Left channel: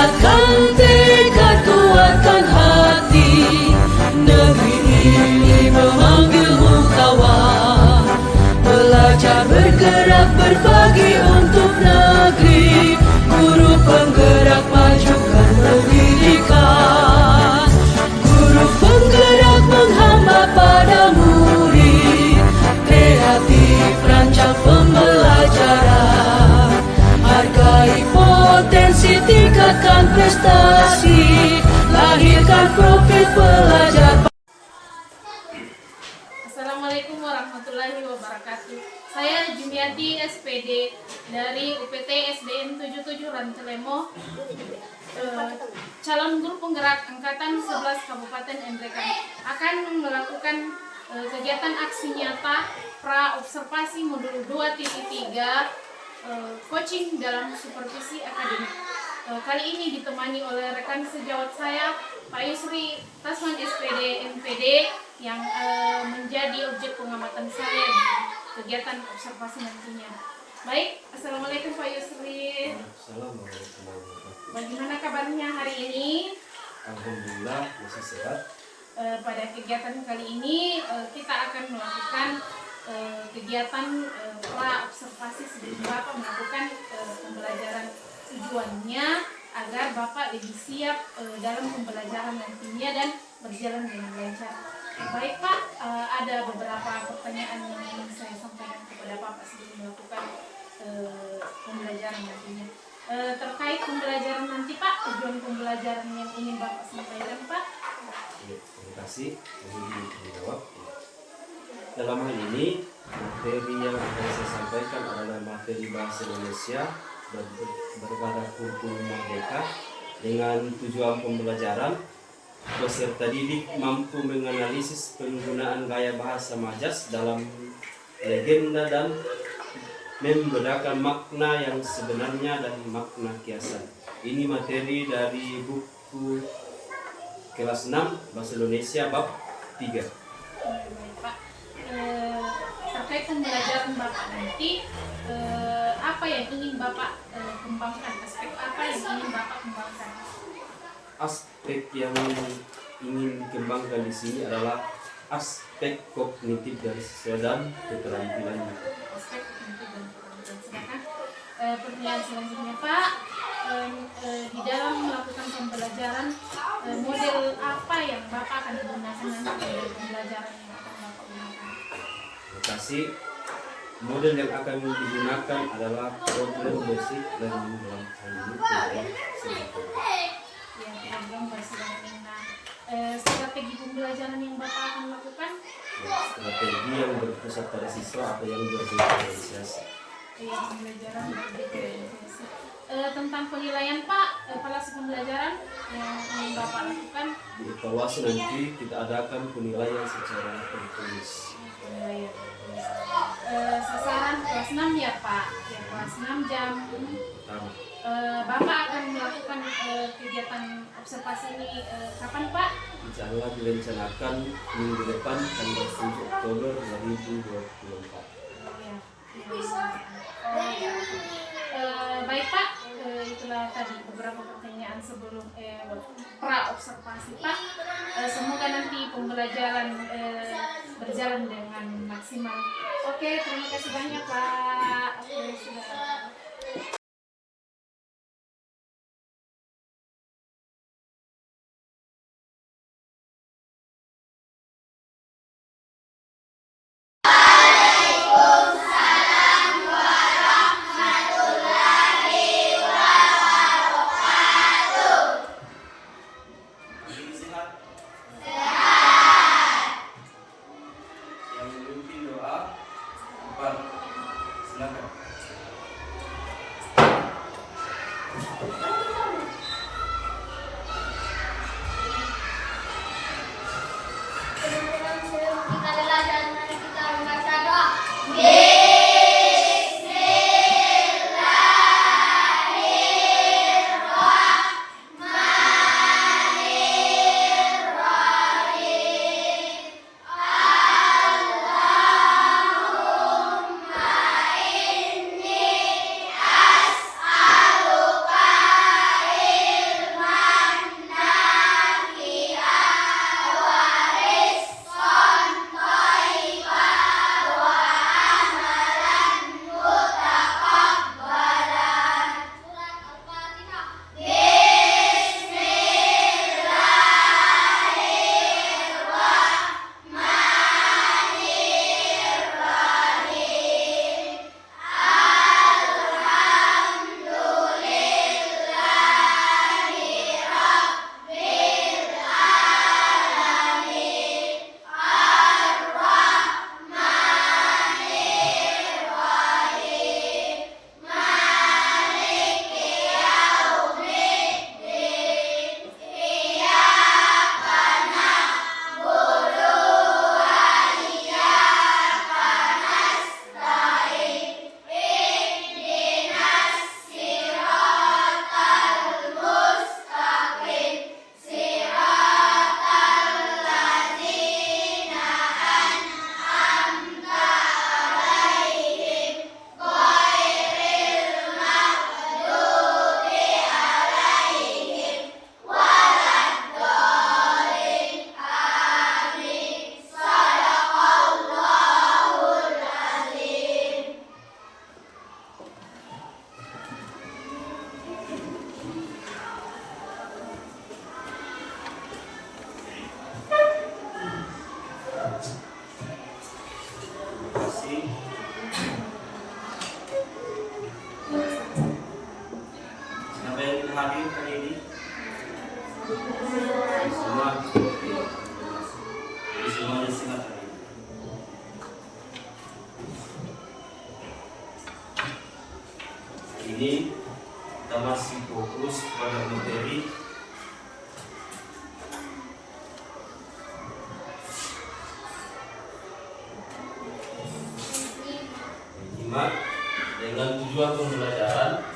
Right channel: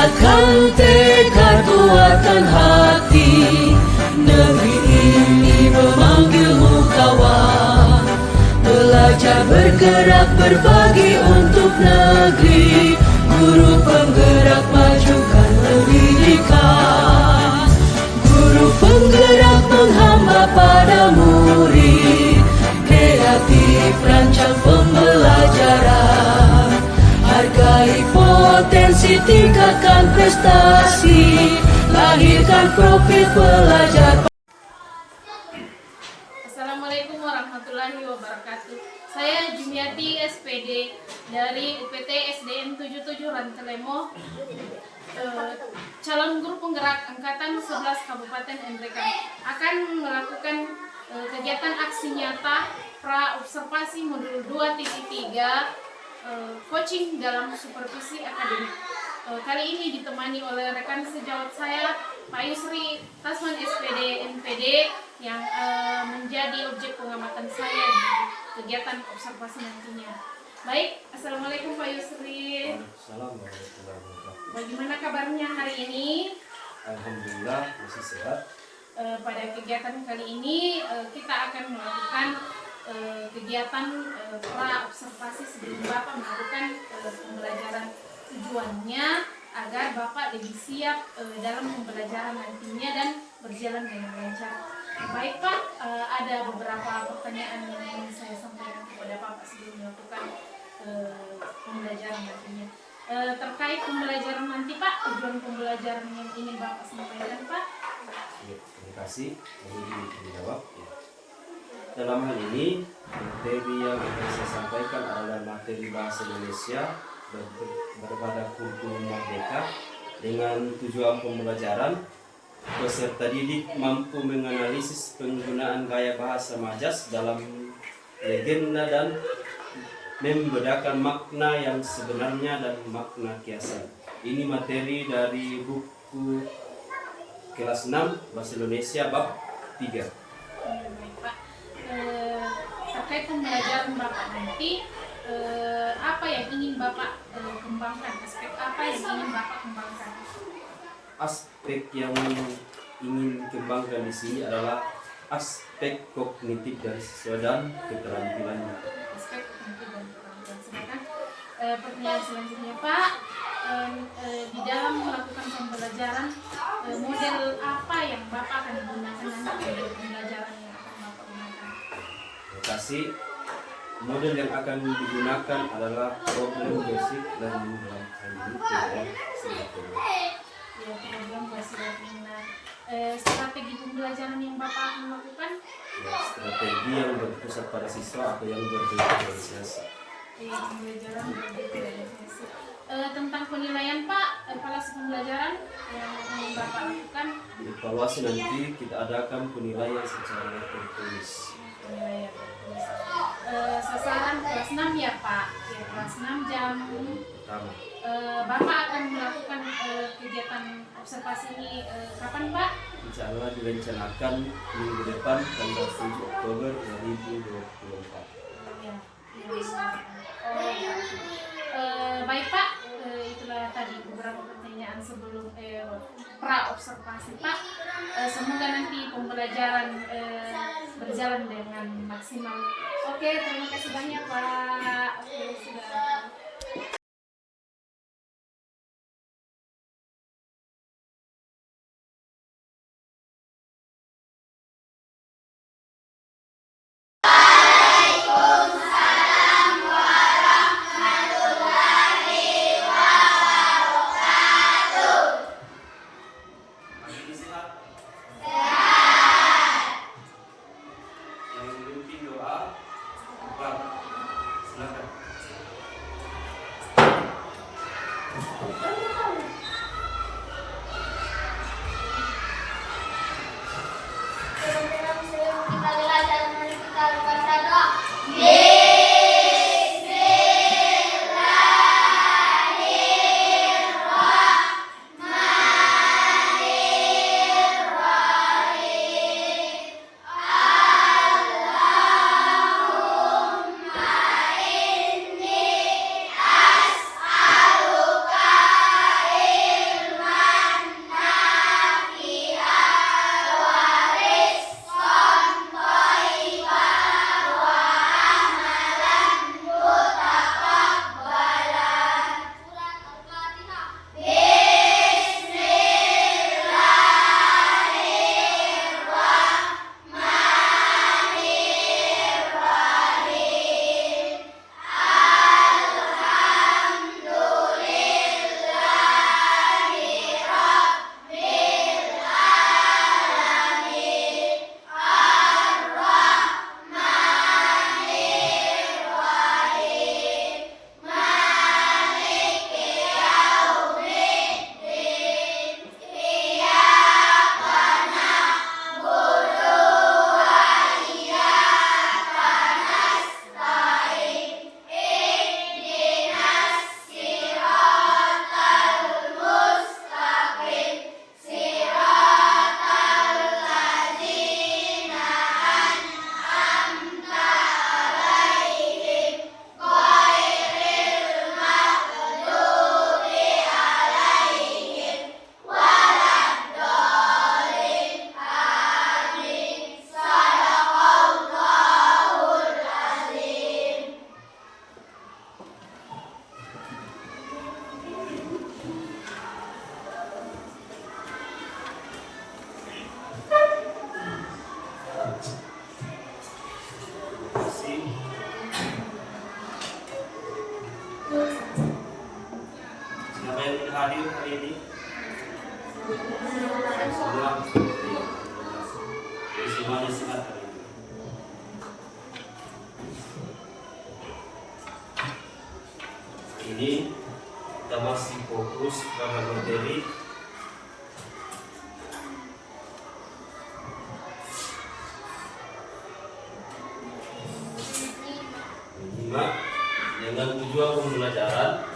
Kuatkan tekad, kuatkan hati. Negeri ini memanggilmu kawan. Belajar, bergerak, berbagi untuk negeri. Guru penggerak, majukan pendidikan. Guru penggerak menghamba pada murid. Kreatif, rancang pembelajaran. Hargai potensi, tingkatkan prestasi. Lahirkan profil pelajar. Assalamualaikum warahmatullahi wabarakatuh. Saya Jumiati SPD dari UPT SDN 77 Rantelemo, calon guru penggerak angkatan 11 Kabupaten Nrekan, akan melakukan kegiatan aksi nyata pra observasi modul 2.3 coaching dalam supervisi akademik. Kali ini ditemani oleh rekan sejawat saya, Pak Yusri Tasman SPD NPD, yang menjadi objek pengamatan saya di kegiatan observasi nantinya. Baik, Assalamualaikum Pak Yusri. Assalamualaikum. Bagaimana kabarnya hari ini? Alhamdulillah masih sehat. Pada kegiatan kali ini kita akan melakukan kegiatan pra observasi sebelum Bapak melakukan pembelajaran. Tujuannya agar Bapak lebih siap dalam pembelajaran nantinya dan berjalan dengan lancar. Baik Pak, ada beberapa pertanyaan yang ingin saya sampaikan kepada Bapak sebelum melakukan pembelajaran nantinya. Terkait pembelajaran nanti Pak, tujuan pembelajaran yang ingin Bapak sampaikan Pak? Terima kasih. Mohon dijawab. Dalam hal ini, materi yang akan saya sampaikan adalah materi bahasa Indonesia berbadan kurikulum merdeka dengan tujuan pembelajaran. Peserta didik mampu menganalisis penggunaan gaya bahasa majas dalam legenda dan membedakan makna yang sebenarnya dan makna kiasan. Ini materi dari buku kelas 6 Bahasa Indonesia bab 3. Baik Pak, terkait pembelajaran Bapak nanti, apa yang ingin Bapak kembangkan? Aspek apa yang ingin Bapak kembangkan? Aspek yang ingin kembangkan di sini adalah aspek kognitif dari siswa dan keterampilannya. Aspek kognitif dan keterampilan. Sedangkan pertanyaan selanjutnya Pak, di dalam melakukan pembelajaran, model apa yang Bapak akan gunakan nanti dari pembelajaran yang akan Bapak gunakan? Terima kasih. Model yang akan digunakan adalah problem basic learning dalam hal ini Ya, program basic learning. Nah, strategi pembelajaran yang Bapak akan lakukan? ya, strategi yang berpusat pada siswa atau yang berdifferensiasi. Pembelajaran berdifferensiasi. Tentang penilaian Pak, evaluasi pembelajaran yang ingin Bapak lakukan? Di evaluasi nanti kita adakan penilaian secara tertulis. Penilaian tertulis. Sasaran kelas 6 ya Pak, ya kelas 6 jam Pertama, Bapak akan melakukan kegiatan observasi ini kapan Pak? insya Allah direncanakan minggu depan tanggal 7 Oktober 2024. Baik Pak, itulah tadi beberapa pertanyaan sebelum pra observasi Pak. Semoga nanti pembelajaran berjalan dengan maksimal. Oke, terima kasih banyak Pak. Oke, sudah. Yang memimpin doa, silakan. Semua jadi semuanya simak hari ini. Ini kita masih fokus pada materi menyimak dengan tujuan pembelajaran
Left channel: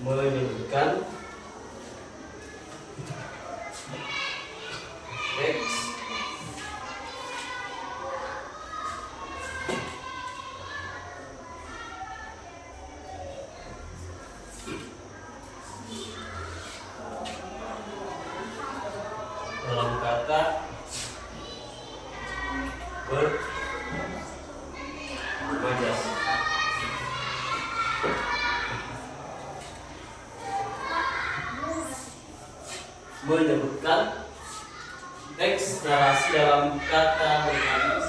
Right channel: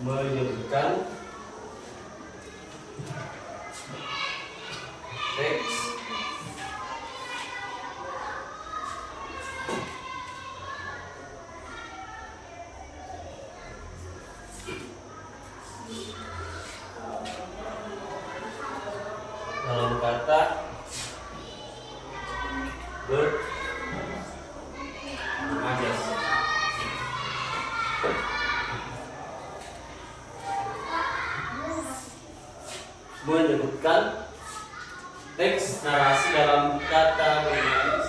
menyebutkan teks dalam kata bermajas. Menyebutkan teks narasi dalam kata bermajas.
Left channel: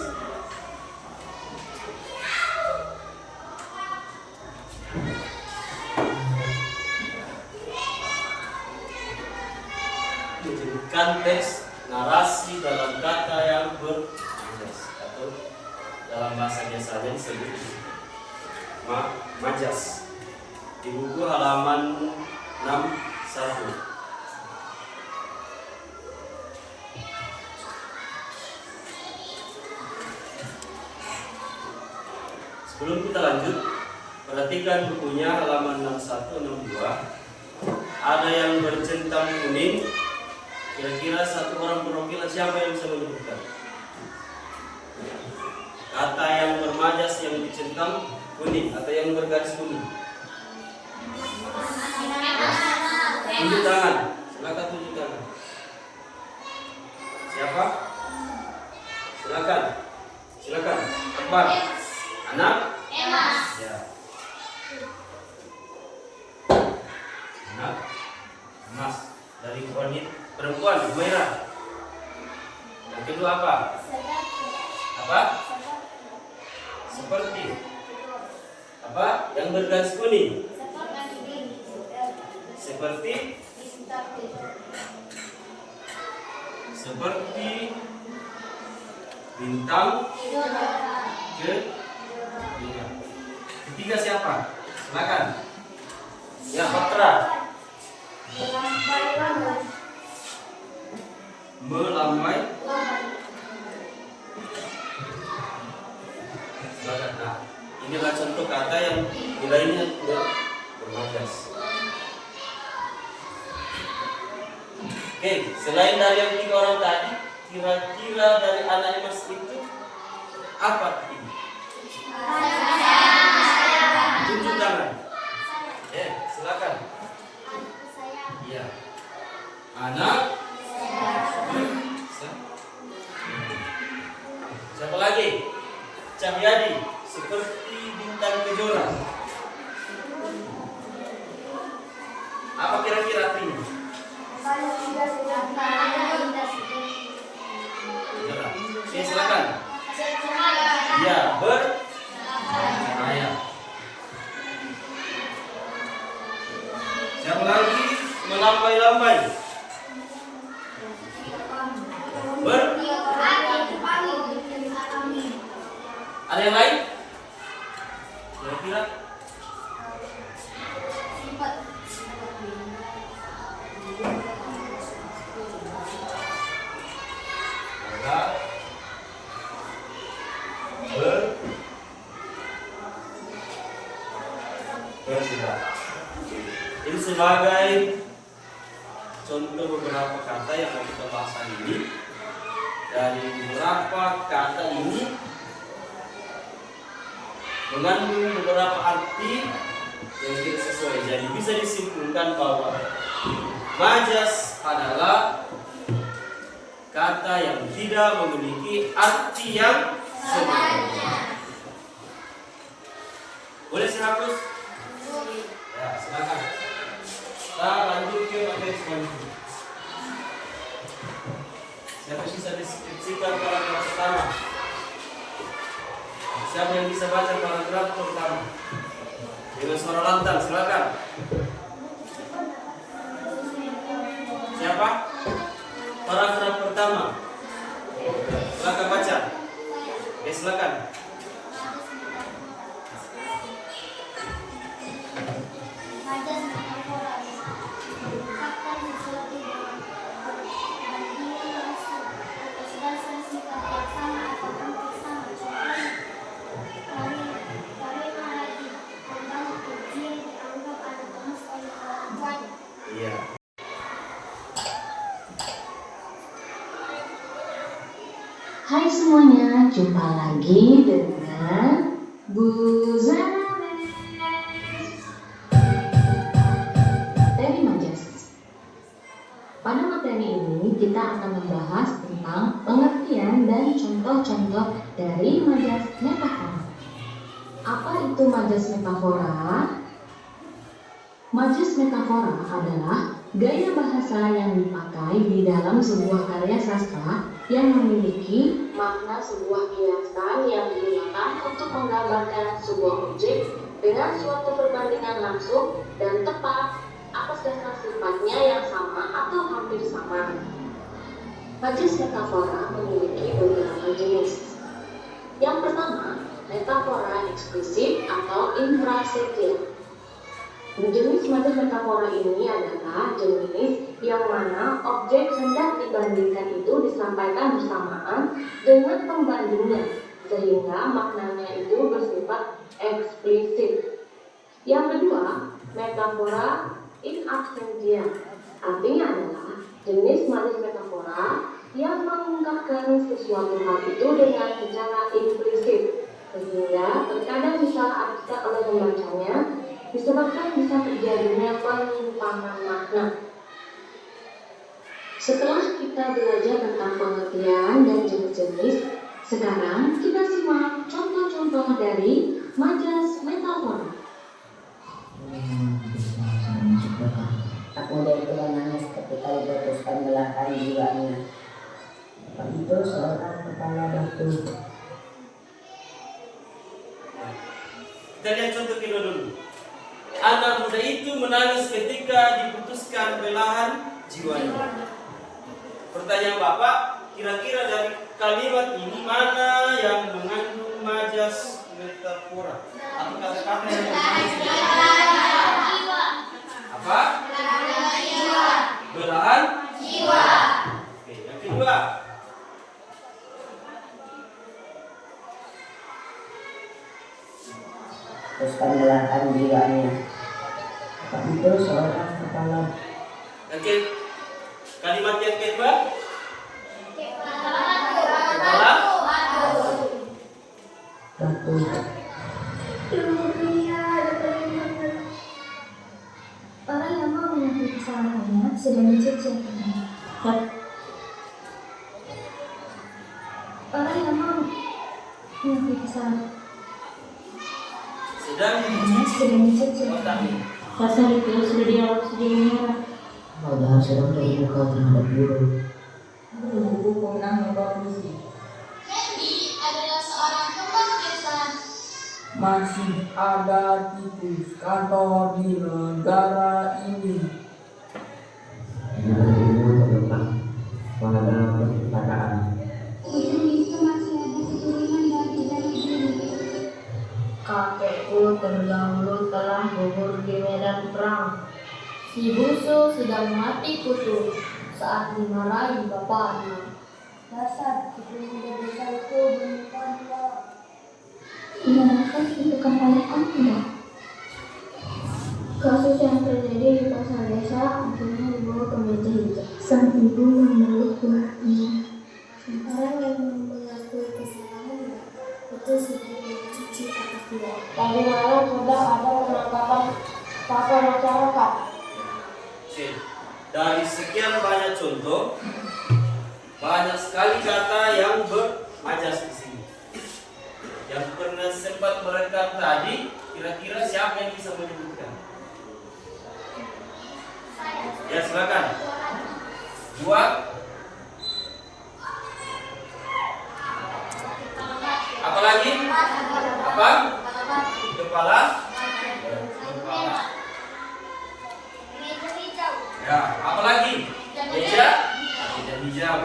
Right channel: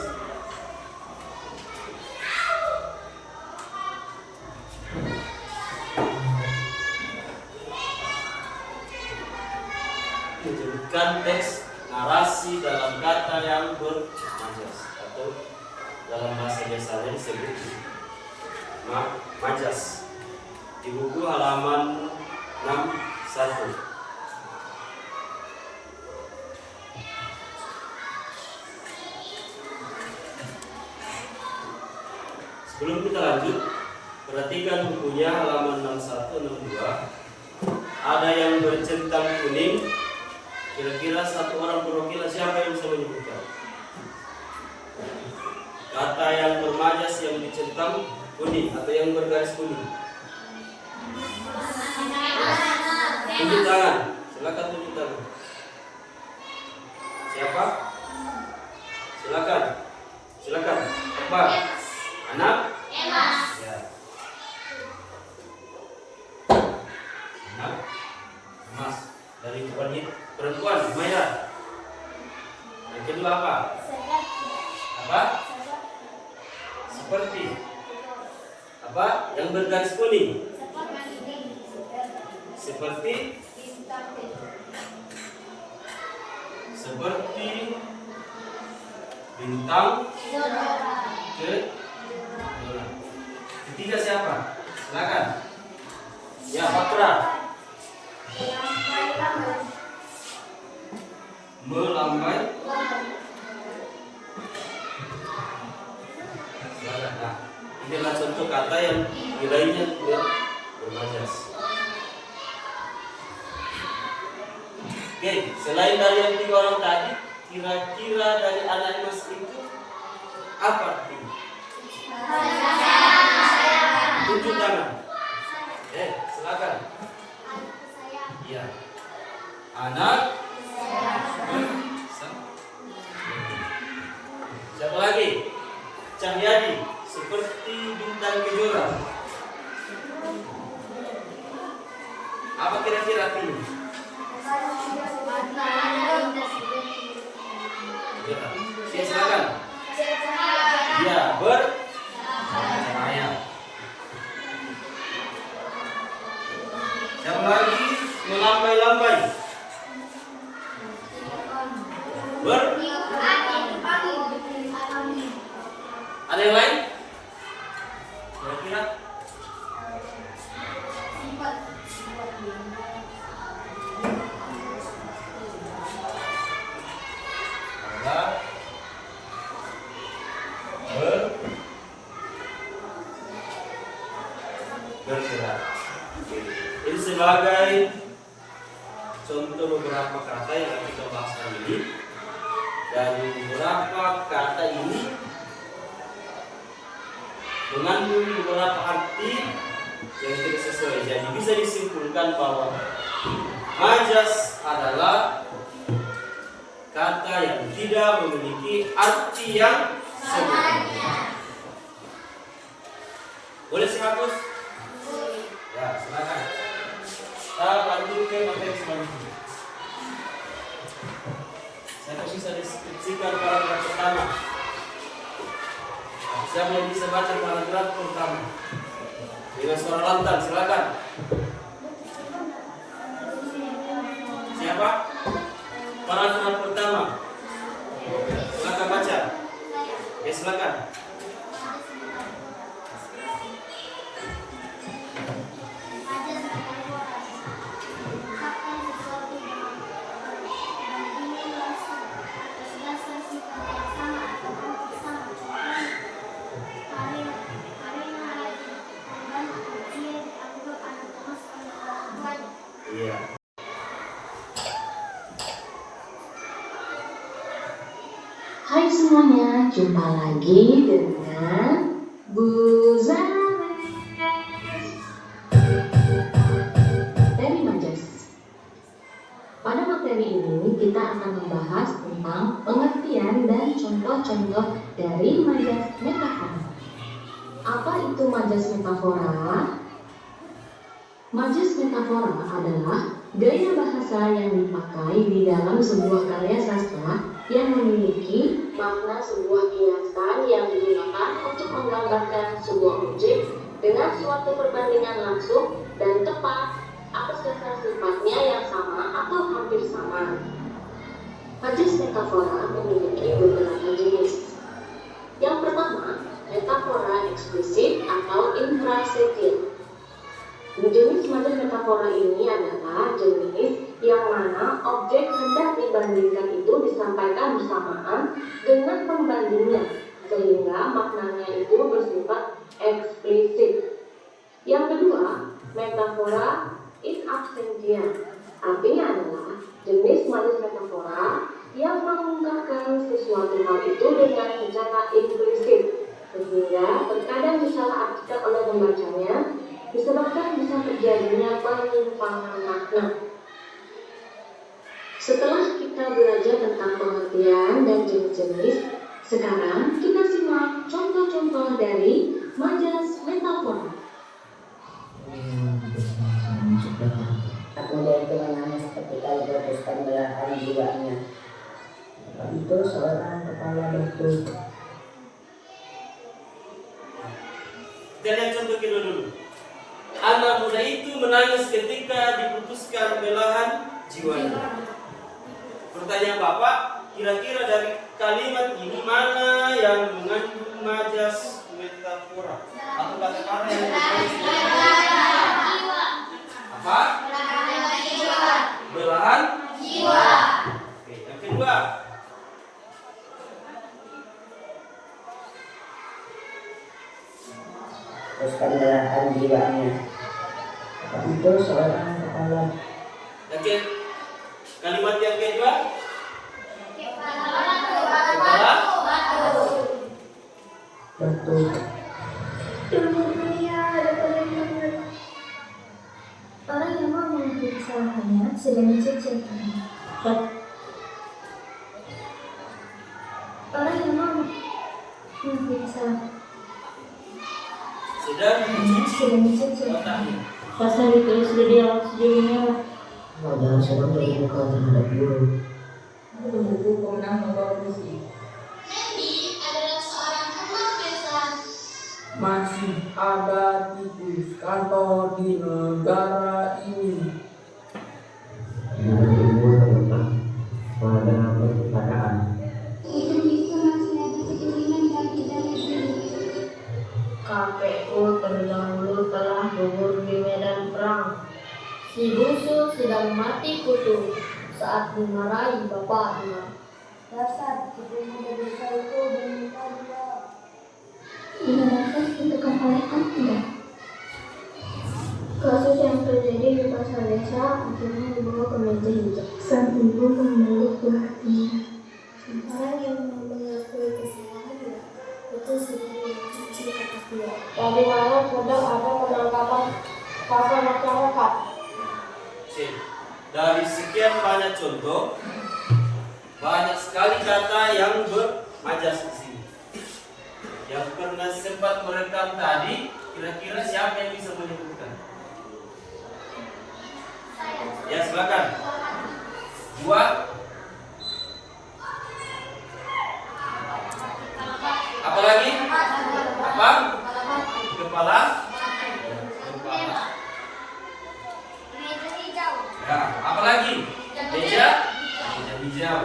Menyebutkan teks narasi dalam kata yang bermajas atau dalam bahasa biasanya disebut majas. Di buku halaman 61. Sebelum kita lanjut, perhatikan bukunya halaman 61-62. Ada yang bercentang kuning. Kira-kira satu orang perwakilan siapa yang bisa menyebutkan? Kata yang bermajas yang dicentang kuning atau yang bergaris kuning. Tunjuk tangan. Silakan tunjuk tangan. Siapa? Silakan. Silakan. Apa? Anak? Ya. Anak? Emas. Dari wanita perempuan, Humaira. Yang kedua apa? Apa? Seperti. Apa? Yang bergaris kuning. Seperti. Seperti bintang ke. Ketiga siapa? Silakan. Ya, Patra. Melambai. Silakan. Nah, inilah contoh kata yang nilainya bermajas. Oke, selain dari yang tiga orang tadi, kira-kira dari anak emas itu apa ini? Tunjuk tangan. Silakan. Iya. Anak. Siapa lagi? Cahyadi. Seperti bintang kejora. Apa kira-kira artinya? Ya, silakan. Ya, bercahaya. Siapa lagi? Melambai-lambai. Ada yang lain? Kira-kira? Bergerak. Ini sebagai contoh beberapa kata yang akan kita bahas hari ini. Dari beberapa kata ini mengandung beberapa arti yang tidak sesuai. Jadi bisa disimpulkan bahwa majas adalah kata yang tidak memiliki arti yang sebenarnya. Boleh saya hapus? Ya, silakan. Kita lanjut ke materi selanjutnya. Saya bisa deskripsikan paragraf pertama. Siapa yang bisa baca paragraf pertama? Dengan suara lantang, silakan. Siapa? Paragraf pertama. Silakan baca. Oke, silakan. Majas metafora mengungkapkan sesuatu dengan perbandingan langsung atas dasar sifat yang sama atau hampir sama. Contohnya, Karina rajin membantu, Jin dianggap anak emas oleh orang tuanya. Iya. Hai semuanya, jumpa lagi dengan Bu Zanes dari Majas. Pada materi ini kita akan membahas tentang pengertian dan contoh-contoh dari majas metafora. Apa itu majas metafora? Majas metafora adalah gaya bahasa yang dipakai di dalam sebuah karya sastra yang memiliki makna sebuah kiasan yang digunakan untuk menggambarkan sebuah objek dengan suatu perbandingan langsung dan tepat atas dasar sifatnya yang sama atau hampir sama. Majas metafora memiliki beberapa jenis. Yang pertama, metafora eksplisit atau intrasedia. Jenis majas metafora ini adalah jenis yang mana objek hendak dibandingkan itu disampaikan bersamaan dengan pembandingnya, sehingga maknanya itu bersifat eksplisit. Yang kedua, metafora in absentia. Artinya adalah jenis majas metafora yang mengungkapkan sesuatu hal itu dengan secara implisit, sehingga terkadang disalahartikan oleh pembacanya, disebabkan bisa terjadinya penyimpangan makna. Setelah kita belajar tentang pengertian dan jenis-jenis, sekarang kita simak contoh-contoh dari majas metafora. Tak muda itu menangis ketika diputuskan belahan jiwanya. Itu seorang kepala batu. Kita lihat contoh kedua dulu. Anak muda itu menangis ketika diputuskan belahan jiwanya. Pertanyaan Bapak, kira-kira dari kalimat ini mana yang mengandung majas metafora? Atau kata-kata yang apa? Belahan jiwa. Oke, yang kedua. Teruskan belahan jiwanya. Itu seorang kepala. Oke. Kalimat yang kedua. Kepala Batu. Orang yang mau mengakui kesalahannya sedang dicuci. Orang yang mau mengakui kesalahan sedang sedang dicuci. otaknya. Pasal itu sudah dialog sejauhnya. Padahal sedang terbuka terhadap guru. Buku pemenang nomor polisi. Randy adalah seorang kembang pesan. Masih ada tikus kantor di negara ini. Dengan ilmu terletak pada perkataan. Itu masih ada kecurigaan dari dalam diri. KPU terdahulu telah gugur di medan perang. Si Busu sedang mati kutu saat dimarahi bapaknya. Dasar kecurigaan desa itu bermuka-muka. Dimanakah ditentukan oleh Anda? Kasus yang terjadi di pasar desa akhirnya dibawa ke meja hijau. Sang ibu memeluk buahnya. Orang yang mengakui kesalahannya itu sudah dicuci atas dia. Tadi malam sedang ada penangkapan pasar masyarakat. Oke. Dari sekian banyak contoh, banyak sekali kata yang bermajas di sini. Yang pernah sempat merekam tadi, kira-kira siapa yang bisa menyebutkan? Ya, silakan. Dua. Apa lagi? Apa? Kepala. Ya, apa lagi? Meja hijau.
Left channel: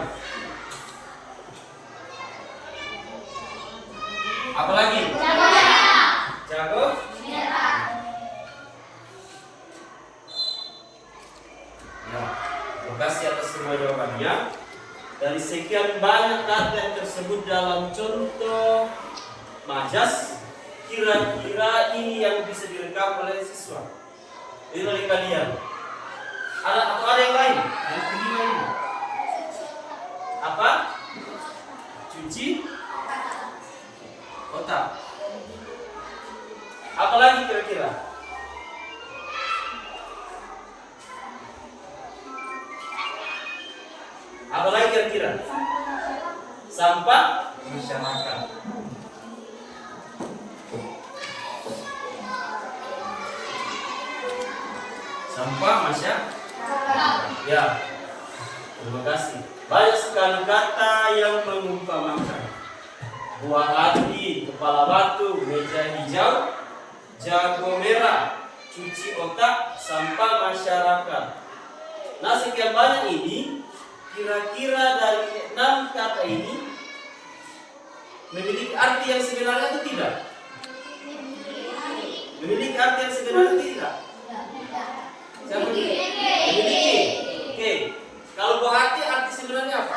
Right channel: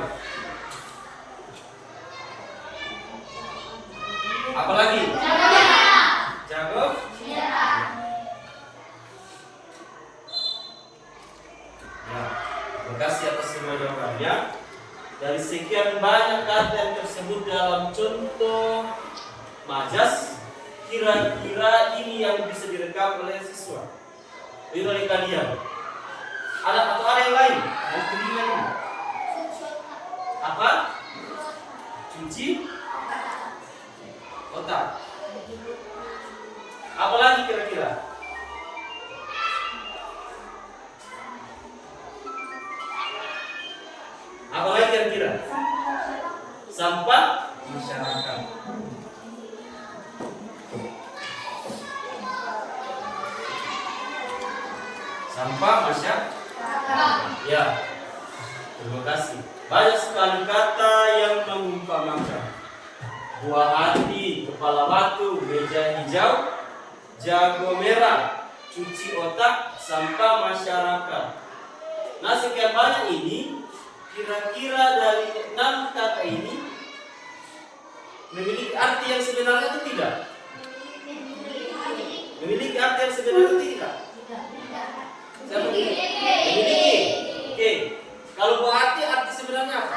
Apa lagi? Jago. Ya, terima kasih atas semua jawabannya. Dari sekian banyak kata yang tersebut dalam contoh majas, kira-kira ini yang bisa direkam oleh siswa, oleh kalian. Ada yang lain? Yang kelima ini apa? Cuci otak. Apa lagi kira-kira? Apa lagi kira-kira? Sampah masyarakat. Sampah masyarakat. Ya, terima kasih. Banyak sekali kata yang mengumpamakan. Buah hati, kepala batu, meja hijau, jago merah, cuci otak, sampah masyarakat. Nah, sekian banyak ini, kira-kira dari 6 kata ini memiliki arti yang sebenarnya atau tidak? Memiliki arti yang sebenarnya atau tidak? Siapa? Memiliki. Oke. Kalau buah hati arti sebenarnya apa?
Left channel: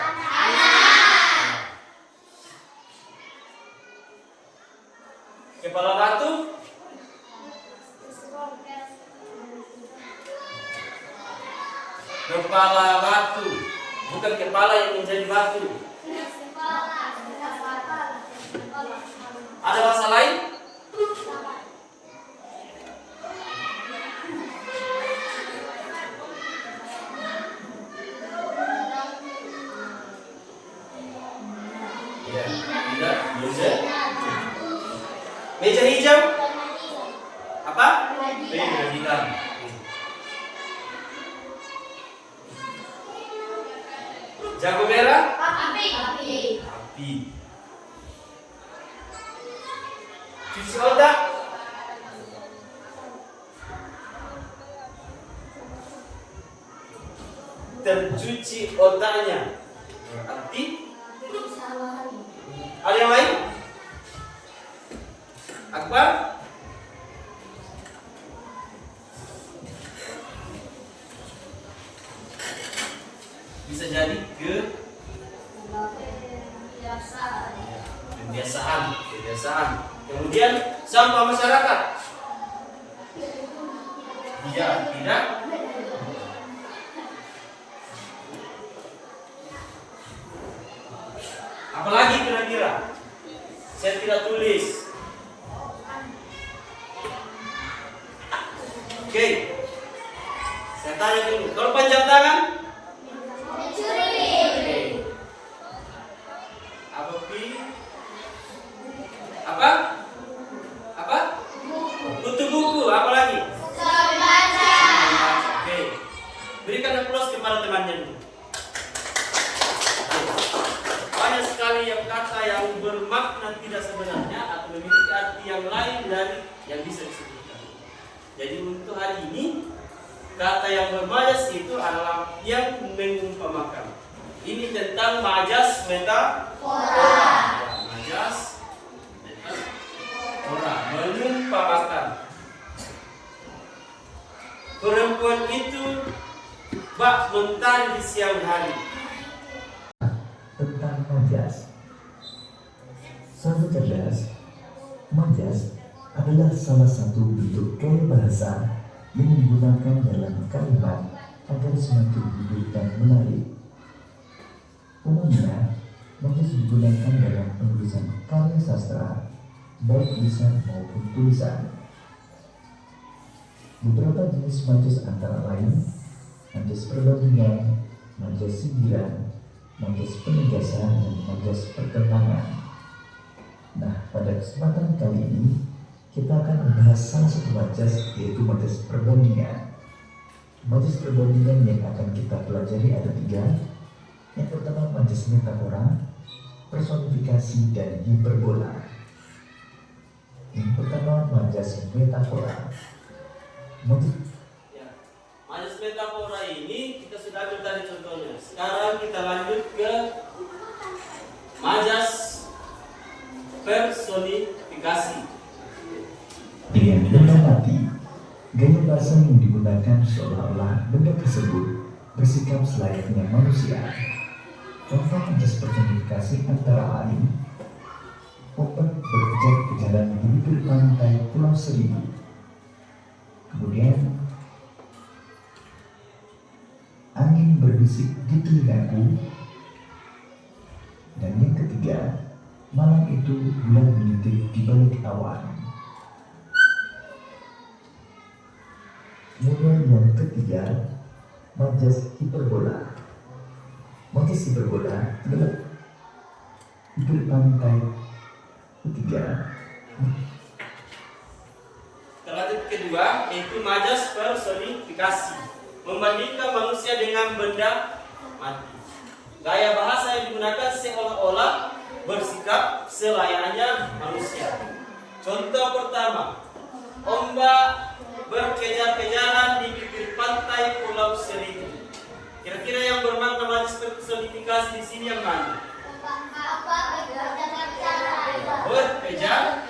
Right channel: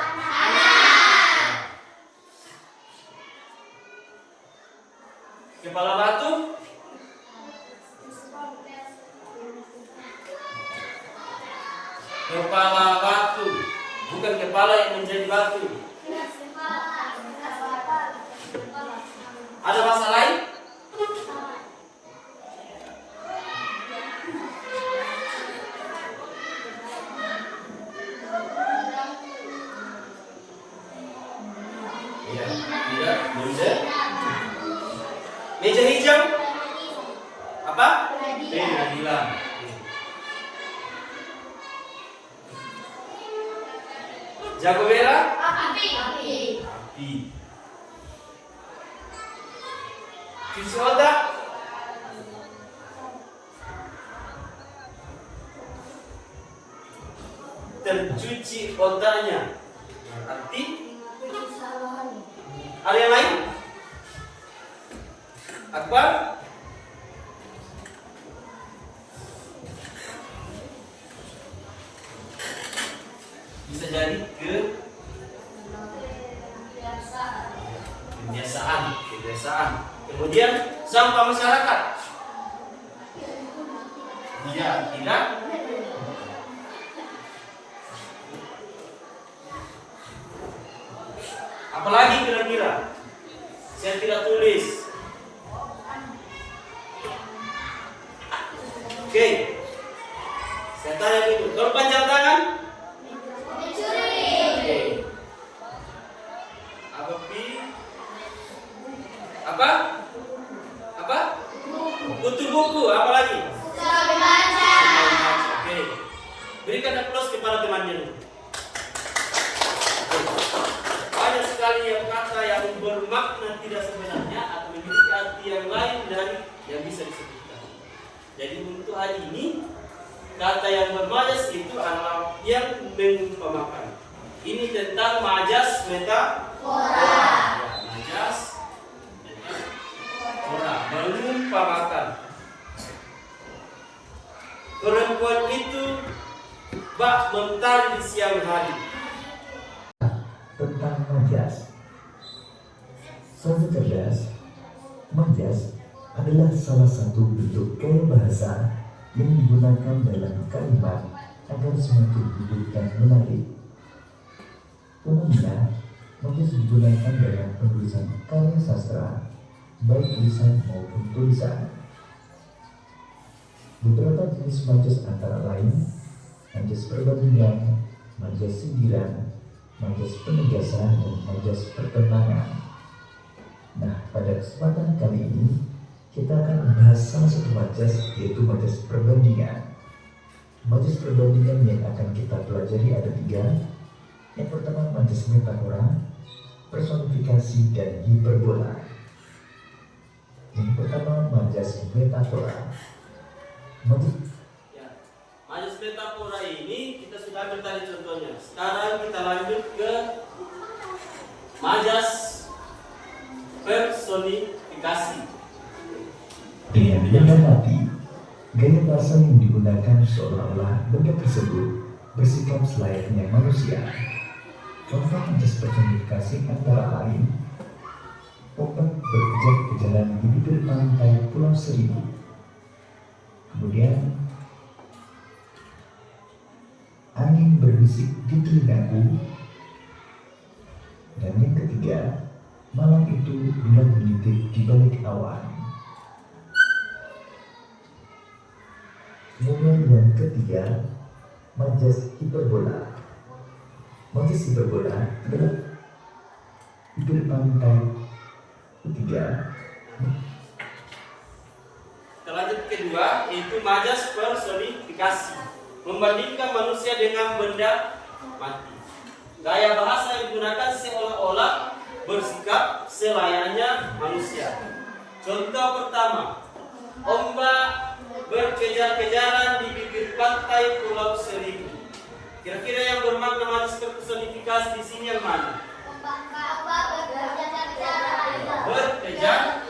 Kepala batu? Kepala batu, bukan kepala yang menjadi batu. Ada bahasa lain? Ya, tidak, belum. Meja hijau? Apa? Pengadilan. Jago merah? Api. Cuci otak? Tercuci otaknya. Berarti ada yang lain? Akbar? Bisa jadi kebiasaan. Kemudian sampah masyarakat. Ya, tidak. Apalagi kira-kira? Saya tidak tulis. Oke. Saya tanya dulu. Kalau panjang tangan? Oke. Apa pi? Apa? Kutu buku. Apa lagi? Oke. Berikan aplaus kepada temannya dulu. Banyak sekali yang kata yang bermakna tidak sebenarnya atau memiliki arti yang lain dari yang bisa disebutkan. Jadi untuk hari ini kata yang bermajas itu adalah yang mengumpamakan. Ini tentang majas metafora. Ya, majas metafora, mengumpamakan. Perempuan itu bak mentari di siang hari. Tentang majas. Sahabat cerdas, majas adalah salah satu bentuk gaya bahasa yang digunakan dalam kalimat agar semakin hidup dan menarik. Umumnya, majas digunakan dalam penulisan karya sastra, baik lisan maupun tulisan. Beberapa jenis majas antara lain majas perbandingan, majas sindiran, majas penugasan, dan majas perkembangan. Nah, pada kesempatan kali ini kita akan membahas salah satu majas, yaitu majas perbandingan. Majas perbandingan yang akan kita pelajari ada 3. Yang pertama majas metafora, personifikasi, dan hiperbola. Yang pertama majas metafora. Majas metafora ini kita sudah ambil tadi contohnya. Sekarang kita lanjut ke majas personifikasi. Dengan mengamati gaya bahasa yang digunakan seolah-olah benda tersebut bersikap selayaknya manusia. Contoh majas personifikasi antara lain ombak berkejar-kejaran di bibir pantai Pulau Seribu. Kemudian angin berbisik di telingaku. Dan yang ketiga, malam itu bulan mengintip di balik awan. Kemudian yang ketiga, majas hiperbola. Majas hiperbola adalah bibir pantai ketiga. Lanjut kedua yaitu majas personifikasi, membandingkan manusia dengan benda mati. Gaya bahasa yang digunakan seolah-olah bersikap selayaknya manusia. Contoh pertama, ombak berkejar-kejaran di bibir pantai Pulau Seribu. Kira-kira yang bermakna majas personifikasi di sini yang mana? Berkejar.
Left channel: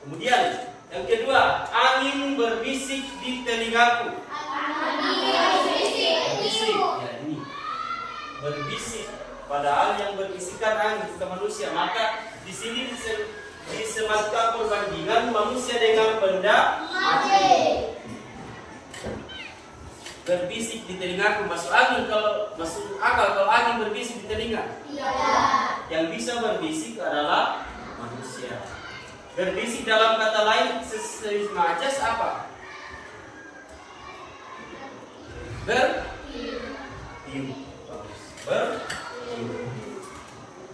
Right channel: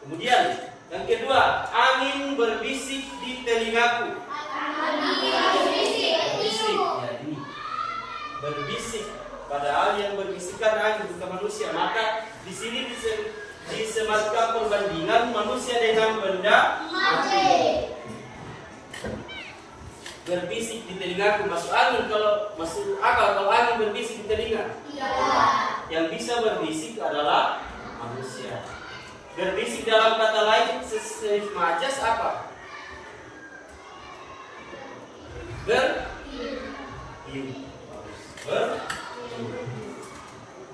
Kemudian yang kedua, angin berbisik di telingaku. Berbisik, ya ini. Berbisik. Padahal yang berbisikan angin bukan manusia. Maka di sini disematkan perbandingan manusia dengan benda mati. Berbisik di telingaku, masuk angin kalau masuk akal kalau angin berbisik di telinga. Yang bisa berbisik adalah manusia. Berbisik dalam kata lain majas apa? Bertiup.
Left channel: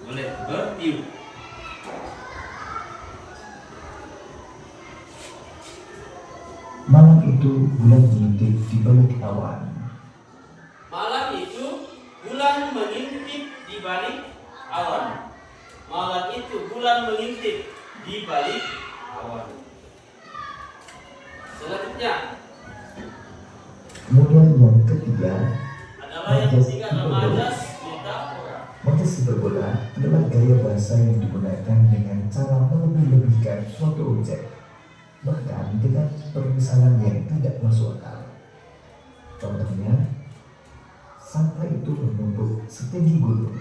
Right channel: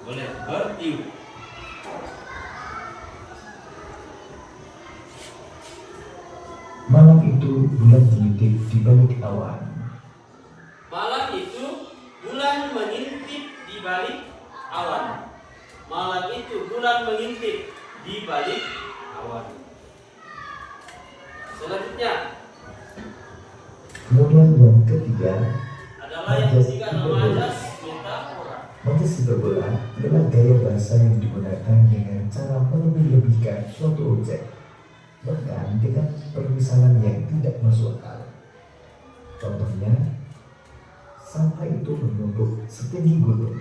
Boleh bertiup. Malam itu bulan mengintip di balik awan. Malam itu bulan mengintip di balik awan. Malam itu bulan mengintip di balik awan. Selanjutnya Kemudian yang ketiga adalah yang ketiga adalah majas metafora. majas hiperbola adalah gaya bahasa yang digunakan dengan cara melebih-lebihkan suatu objek, bahkan dengan permisalan yang tidak masuk akal. Contohnya, sampah itu menumpuk setinggi gunung.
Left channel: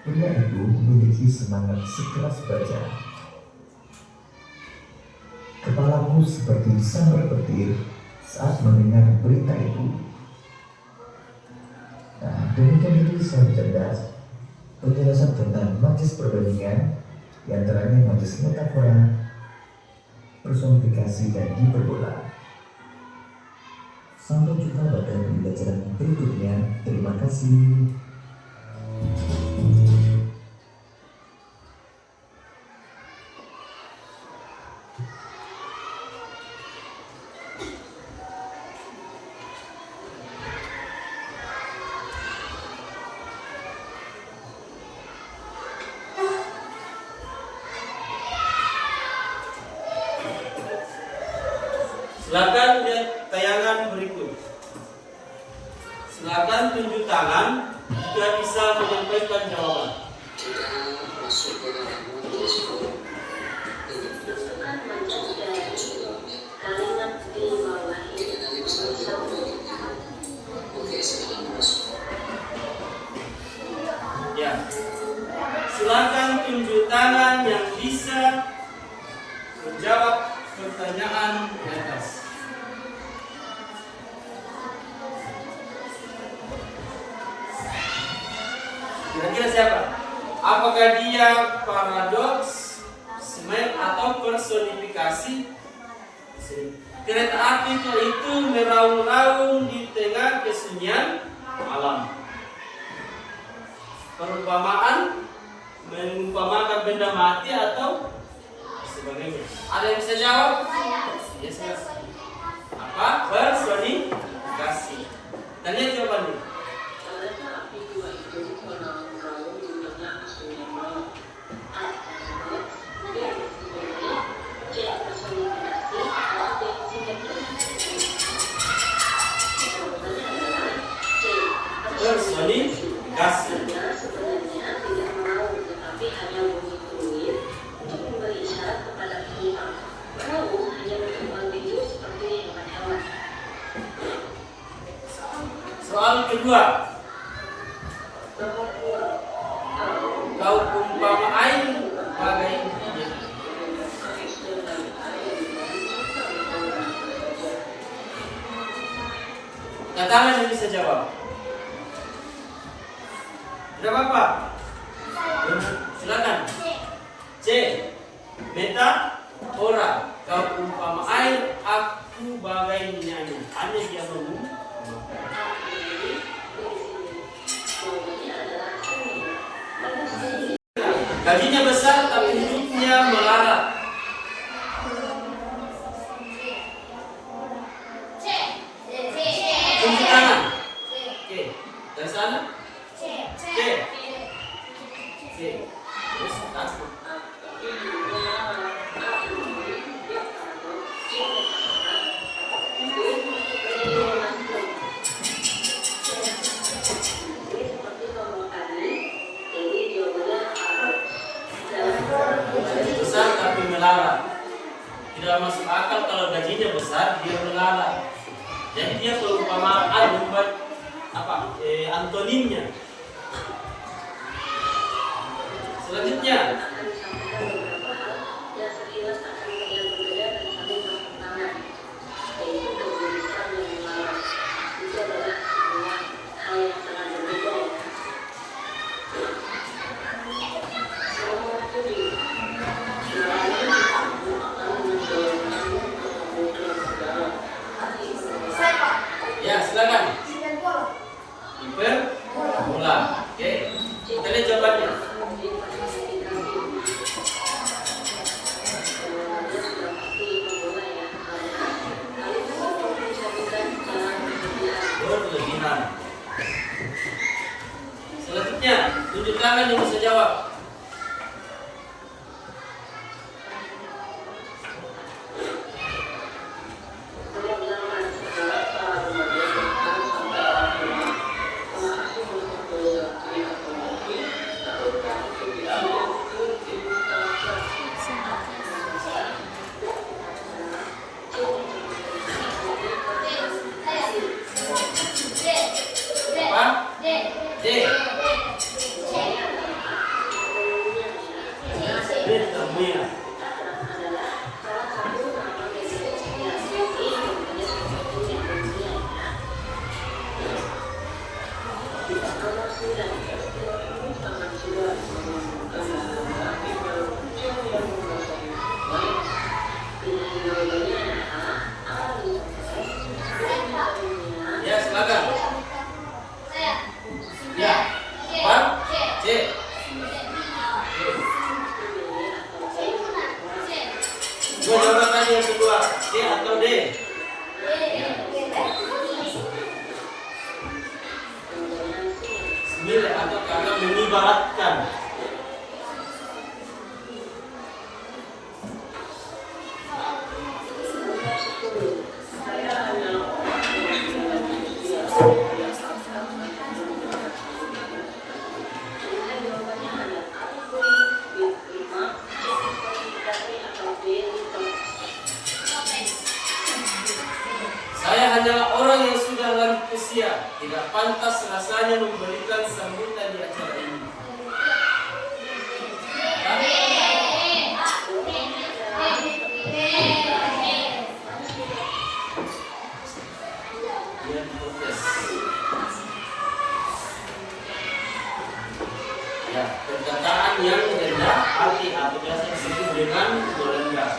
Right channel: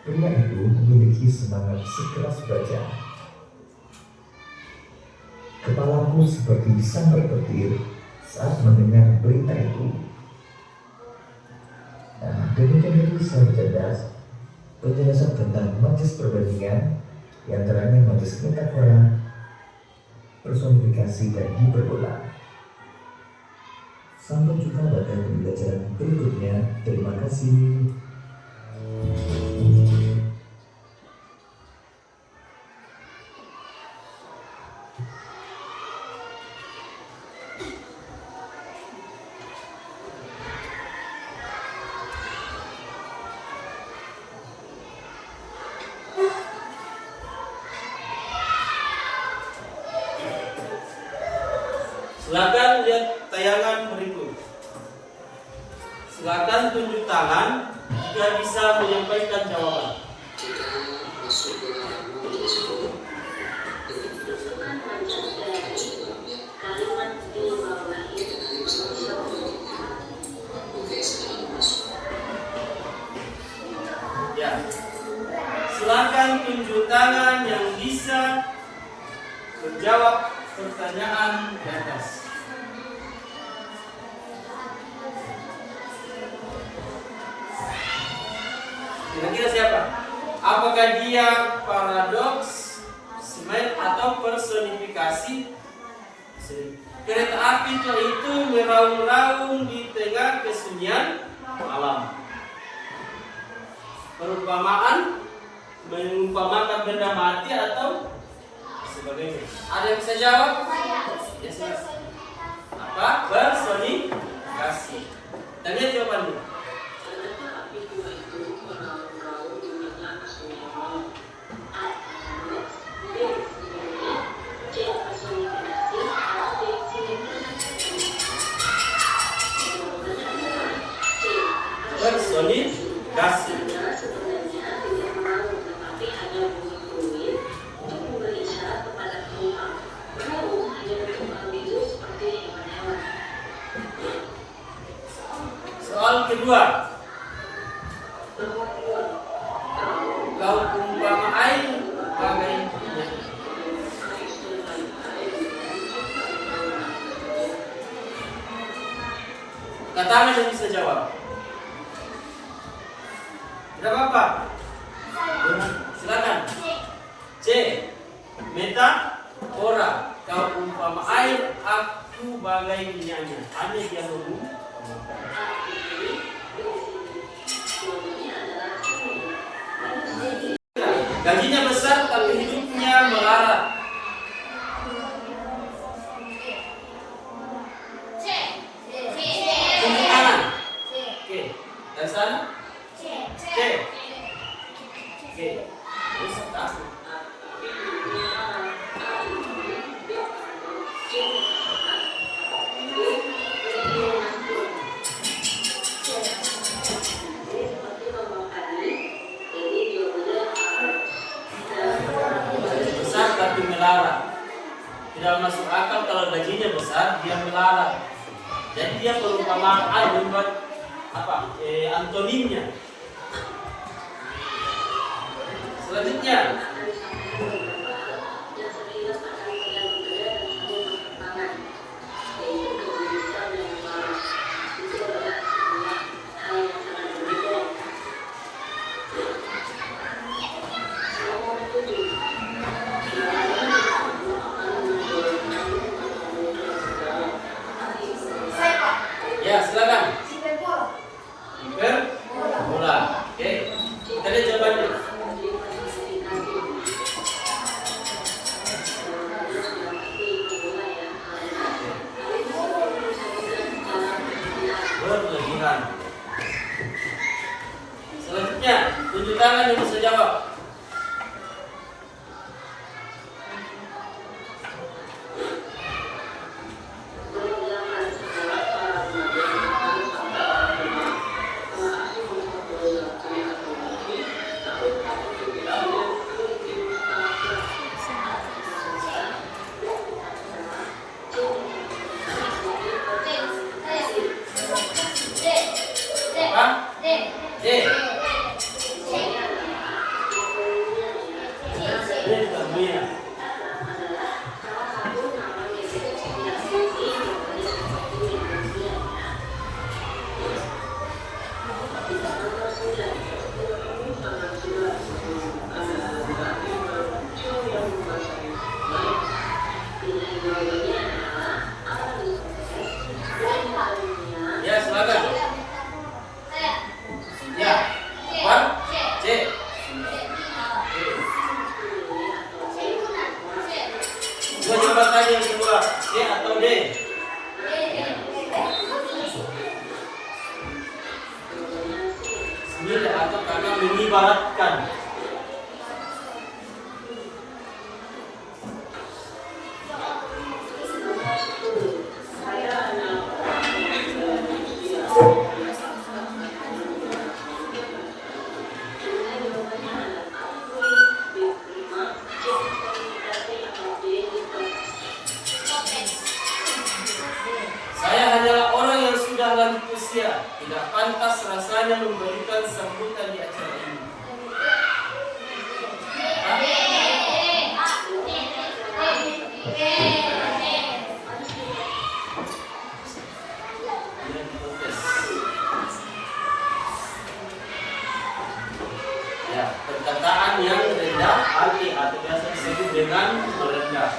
Pria itu memiliki semangat sekeras baja. Kepalaku seperti disambar petir saat mendengar berita itu. Nah, demikian itu saya cerdas penjelasan tentang majas perbandingan, yang antaranya majas metafora, personifikasi, dan hiperbola. Sampai jumpa pada pembelajaran berikutnya. Terima kasih. Silakan lihat tayangan berikut. Silakan tunjuk tangan jika bisa menyampaikan jawaban. Ya. Silakan tunjuk tangan yang bisa menjawab pertanyaan di atas. Kira-kira siapa? Apakah dia paradoks, smile, atau personifikasi? kereta api itu meraung-raung di tengah kesunyian malam. Perumpamaan mengumpamakan benda mati atau sebagainya. Ada yang bisa jawab? Ya, silakan. Apa? Personifikasi. Dan lihat jawabannya. Personifikasi. Soal kedua, kau umpama air bagai minyak. Katakan yang bisa jawab. Tidak apa-apa. Silakan. C. Metafora. Kau umpama air, aku bagai minyaknya. Hanya dia mengumpamakan. Gajinya besar tapi hidupnya melarat. Tunjuk tangan. Oke, dari sana. C. Terus takut. Besar tapi melarat. Tidak masuk akal kalau gajinya besar dia melarat. Jadi dia perumpamaan membuat antonimnya. Selanjutnya, ya silakan. Hiperbola. Oke, kita lihat jawabannya. Berlebihan. Selanjutnya, tunjuk tangan yang bisa jawab. Apa? D. Termuya. Ya, silakan. Ya. Apa? C. Dua jawaban tadi yang kedua, C atau D? Sembilan atau kakak mengibaratkan. Saya hanyalah orang yang sudah lanjut usia, tidak pantas rasanya memberikan sambutan di acara ini. Dia protes. Ya, perkataan yang rendah hati atau biasa disebut dengan merendah.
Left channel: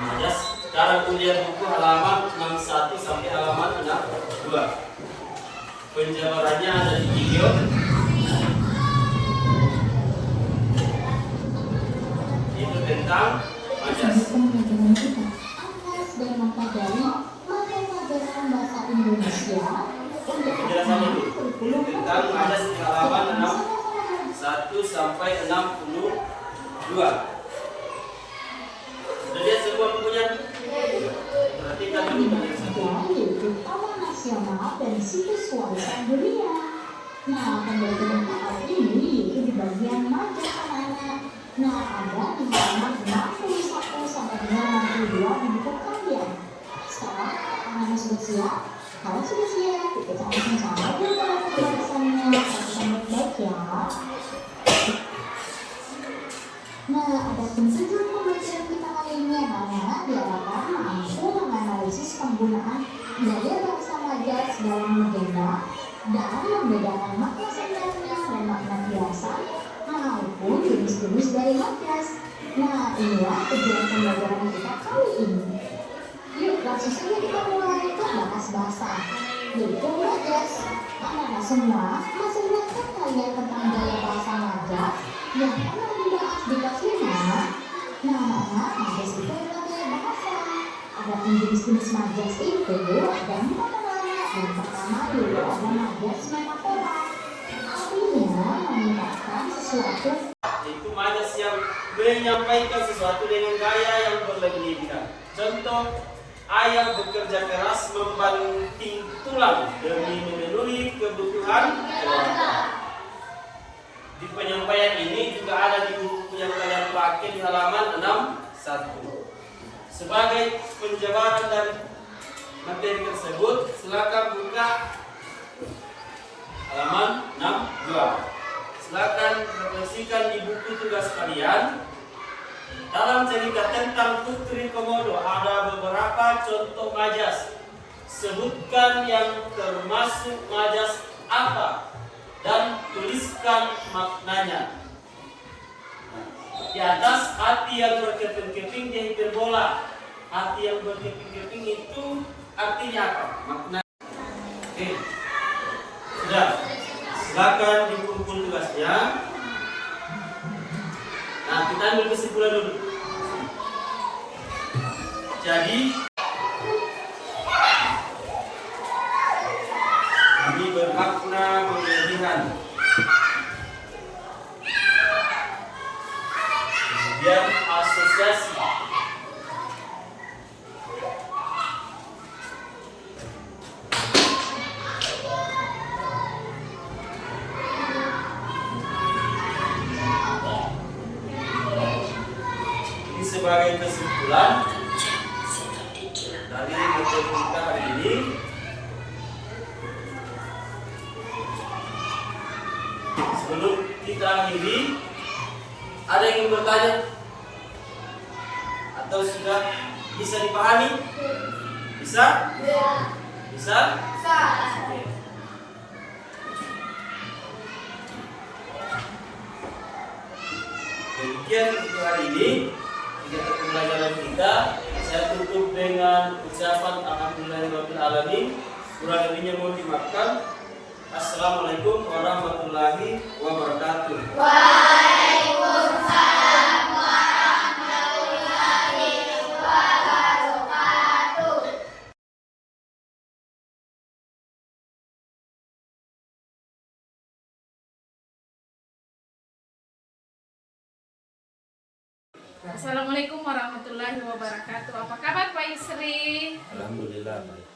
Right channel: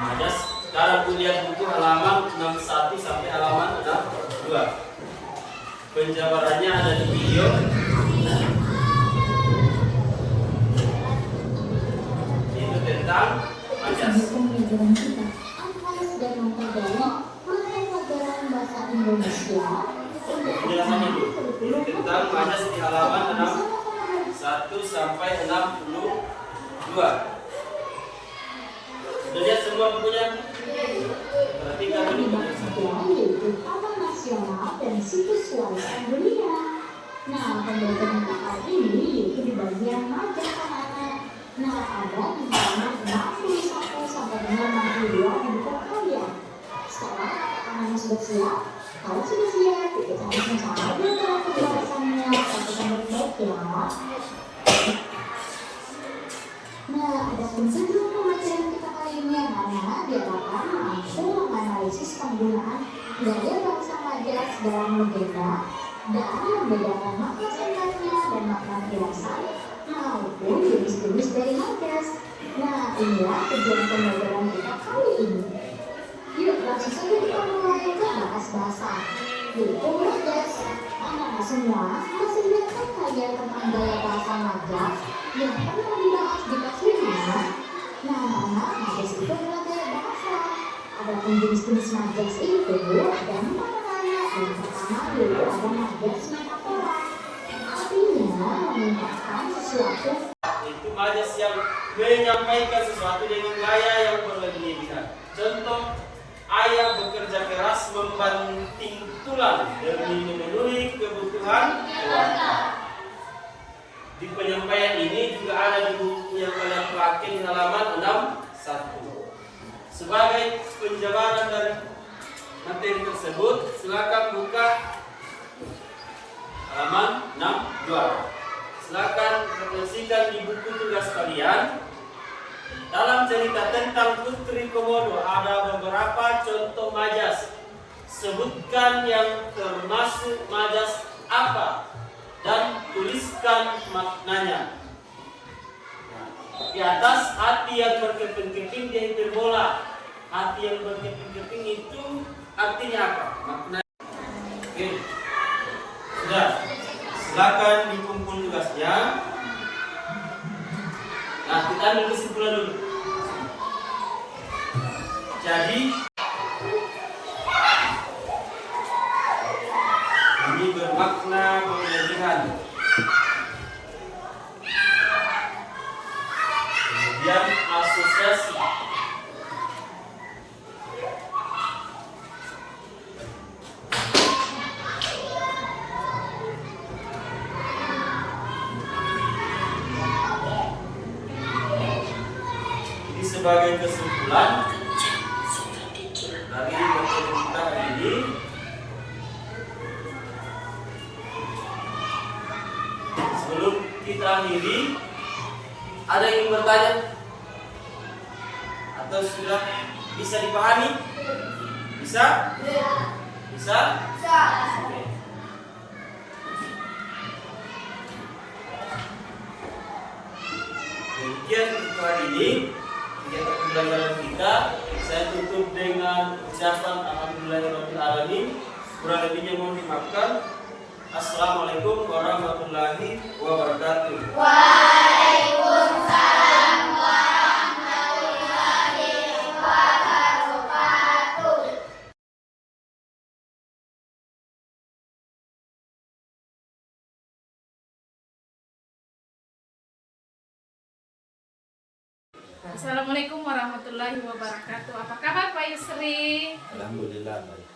Majas. Sekarang kuliah buku halaman 61 sampai halaman 62. Penjabarannya ada di video. Itu tentang majas. Pembelajaran kita atas dan mempelajari materi pelajaran bahasa Indonesia untuk Penjelasannya dulu. Itu tentang majas di halaman 61 sampai 62. Sudah lihat semua bukunya? Perhatikan dulu penjelasannya. yaitu Taman Nasional dan Situs Warisan Dunia. Nah, pembelajaran kita kali ini yaitu di bagian majas anak-anak. Nah, ada di halaman 61 sampai dengan 62 di buku kalian. Sekarang anak-anak sudah siap? Kalau sudah siap, kita cari sama-sama bagaimana pembahasannya. Perhatikan baik-baik ya. Nah, ada tujuan pembelajaran kita kali ini anak-anak diharapkan mampu menganalisis penggunaan gaya bahasa majas dalam legenda dan membedakan makna sebenarnya dan makna biasan maupun jenis-jenis dari majas. Nah, inilah tujuan pembelajaran kita kali ini. Yuk, langsung saja kita mulai bahas bahasa yaitu majas. Anak-anak semua masih ingat kan kalian tentang gaya bahasa majas yang pernah dibahas di kelas 5? Nah, anak-anak, majas itu adalah gaya bahasa. Adapun jenis-jenis majas itu ada 4 anak. Yang pertama yaitu ada majas metafora. Artinya mengungkapkan sesuatu. Itu majas yang menyampaikan sesuatu dengan gaya yang berlebihan. Contoh, ayah bekerja keras membanting tulang demi memenuhi kebutuhan keluarga. Di penyampaian ini juga ada di buku yang kalian pakai di halaman 61. Sebagai penjabaran dari materi tersebut, silakan buka halaman 62. Silakan refleksikan di buku tugas kalian. Dalam cerita tentang Putri Komodo ada beberapa contoh majas. Sebutkan yang termasuk majas apa dan tuliskan maknanya. Di atas, hati yang berkeping-keping dia hiperbola. Hati yang berkeping-keping itu artinya apa? Makna. Oke. Sudah. Silakan dikumpul tugasnya. Nah, kita ambil kesimpulan dulu. Jadi, ini bermakna pemilihan. Kemudian asosiasi. Ini sebagai kesimpulan dari materi kita hari ini. Sebelum kita akhiri, ada yang ingin bertanya? Atau sudah bisa dipahami? Bisa? Bisa? Oke. Demikian untuk hari ini kegiatan pembelajaran kita. Saya tutup dengan ucapan alhamdulillahirabbil alamin. Kurang lebihnya mohon dimaafkan. Assalamualaikum warahmatullahi wabarakatuh. Waalaikumsalam warahmatullahi wabarakatuh. Assalamualaikum warahmatullahi wabarakatuh. Apa kabar Pak Yusri? Alhamdulillah baik.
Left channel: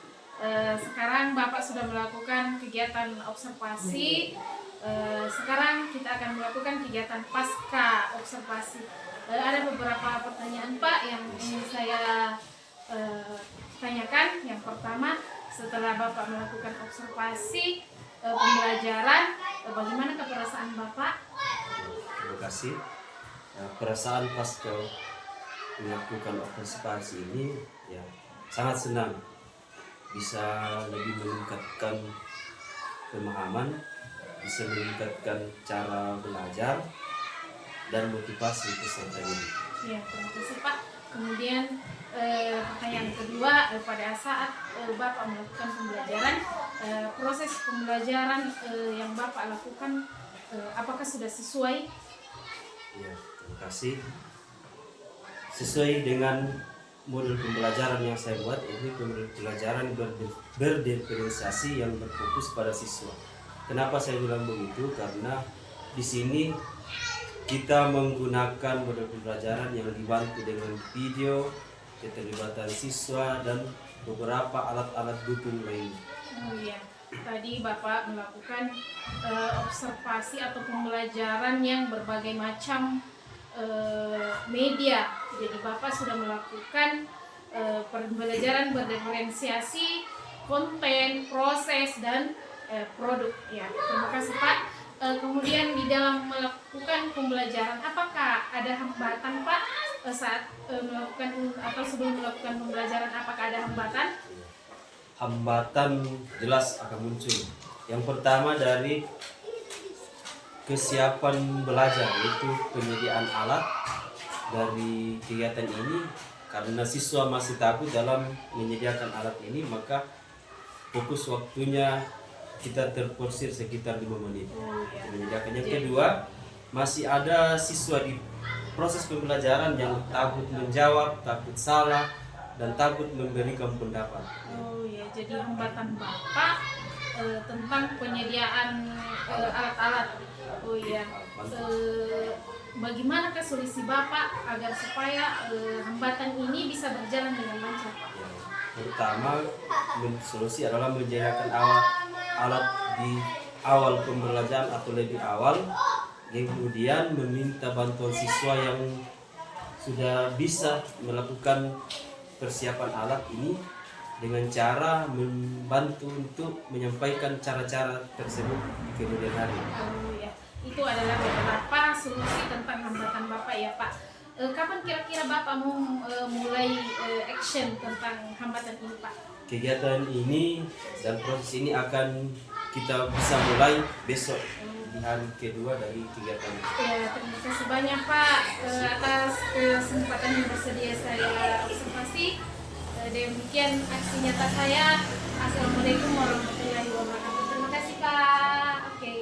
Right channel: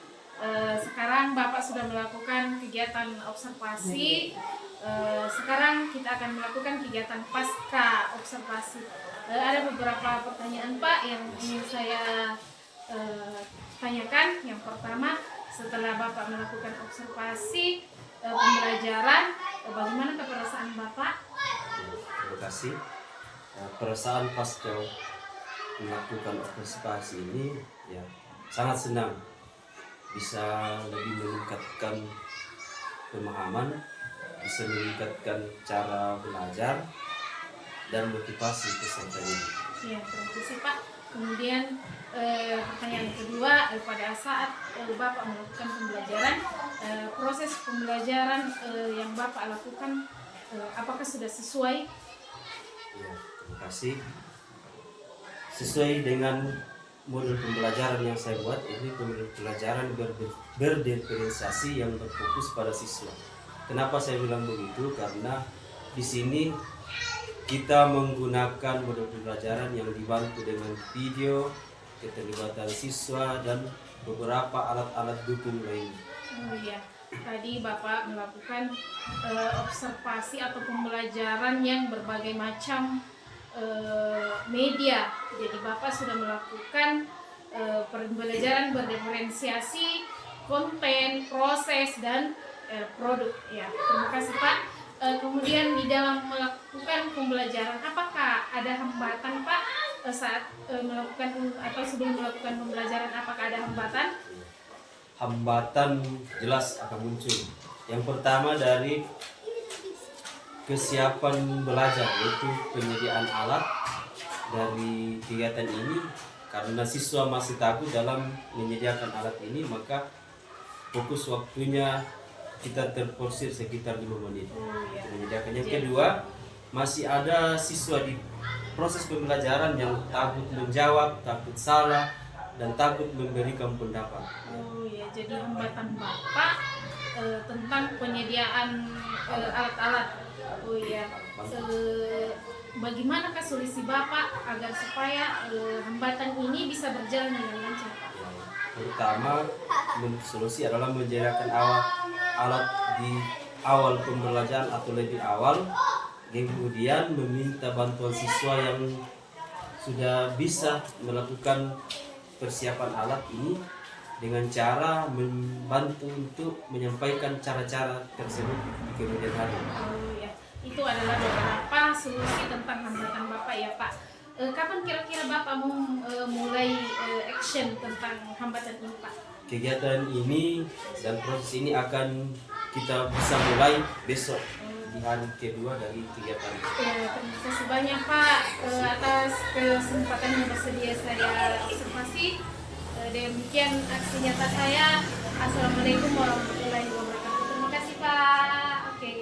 Sekarang Bapak sudah melakukan kegiatan observasi. Sekarang kita akan melakukan kegiatan pasca observasi. Ada beberapa pertanyaan Pak yang ingin saya tanyakan. Yang pertama, setelah Bapak melakukan observasi pembelajaran, bagaimana perasaan Bapak? Terima kasih. Perasaan pasca melakukan observasi ini ya sangat senang, bisa lebih meningkatkan pemahaman, bisa meningkatkan cara belajar dan motivasi peserta ini. Ya, terima kasih Pak. Kemudian pertanyaan kedua, pada saat Bapak melakukan pembelajaran, proses pembelajaran yang Bapak lakukan apakah sudah sesuai? Ya, terima kasih. Sesuai dengan modul pembelajaran yang saya buat, ini modul pembelajaran berdiferensiasi yang berfokus pada siswa. Kenapa saya bilang begitu? Karena di sini kita menggunakan modul pembelajaran yang dibantu dengan video, keterlibatan siswa, dan beberapa alat-alat dukung lainnya. Oh iya, tadi Bapak melakukan observasi atau pembelajaran yang berbagai macam media. Jadi Bapak sudah melakukan pembelajaran berdiferensiasi konten, proses, dan produk. Ya, terima kasih Pak. Kemudian di dalam melakukan pembelajaran, apakah ada hambatan Pak saat melakukan atau sebelum melakukan pembelajaran? Apakah ada hambatan? Hambatan jelas akan muncul. Yang pertama dari kesiapan belajar, yaitu penyediaan alat dari kegiatan ini. Karena siswa masih takut dalam menyediakan alat ini, maka fokus waktunya kita terporsir sekitar 5 menit menyediakan. Yang kedua, masih ada siswa di proses pembelajaran yang takut menjawab, takut salah, dan takut memberikan pendapat. Oh ya, jadi hambatan Bapak tentang penyediaan alat-alat. Oh iya, bagaimanakah solusi Bapak agar supaya hambatan ini bisa berjalan dengan lancar, Pak? Pertama, solusi adalah menyediakan alat di awal pembelajaran atau lebih awal, yang kemudian meminta bantuan siswa yang sudah bisa melakukan persiapan alat ini dengan cara membantu untuk menyampaikan cara-cara tersebut di kemudian hari. Oh ya, itu adalah beberapa solusi tentang hambatan Bapak ya Pak. Kapan kira-kira Bapak mau mulai action tentang hambatan ini Pak? Kegiatan ini dan proses ini akan kita bisa mulai besok di hari kedua dari kegiatan ini. Ya, terima kasih banyak Pak atas kesempatan yang bersedia saya observasi. Demikian aksi nyata saya. Assalamualaikum warahmatullahi wabarakatuh. Terima kasih Pak. Oke.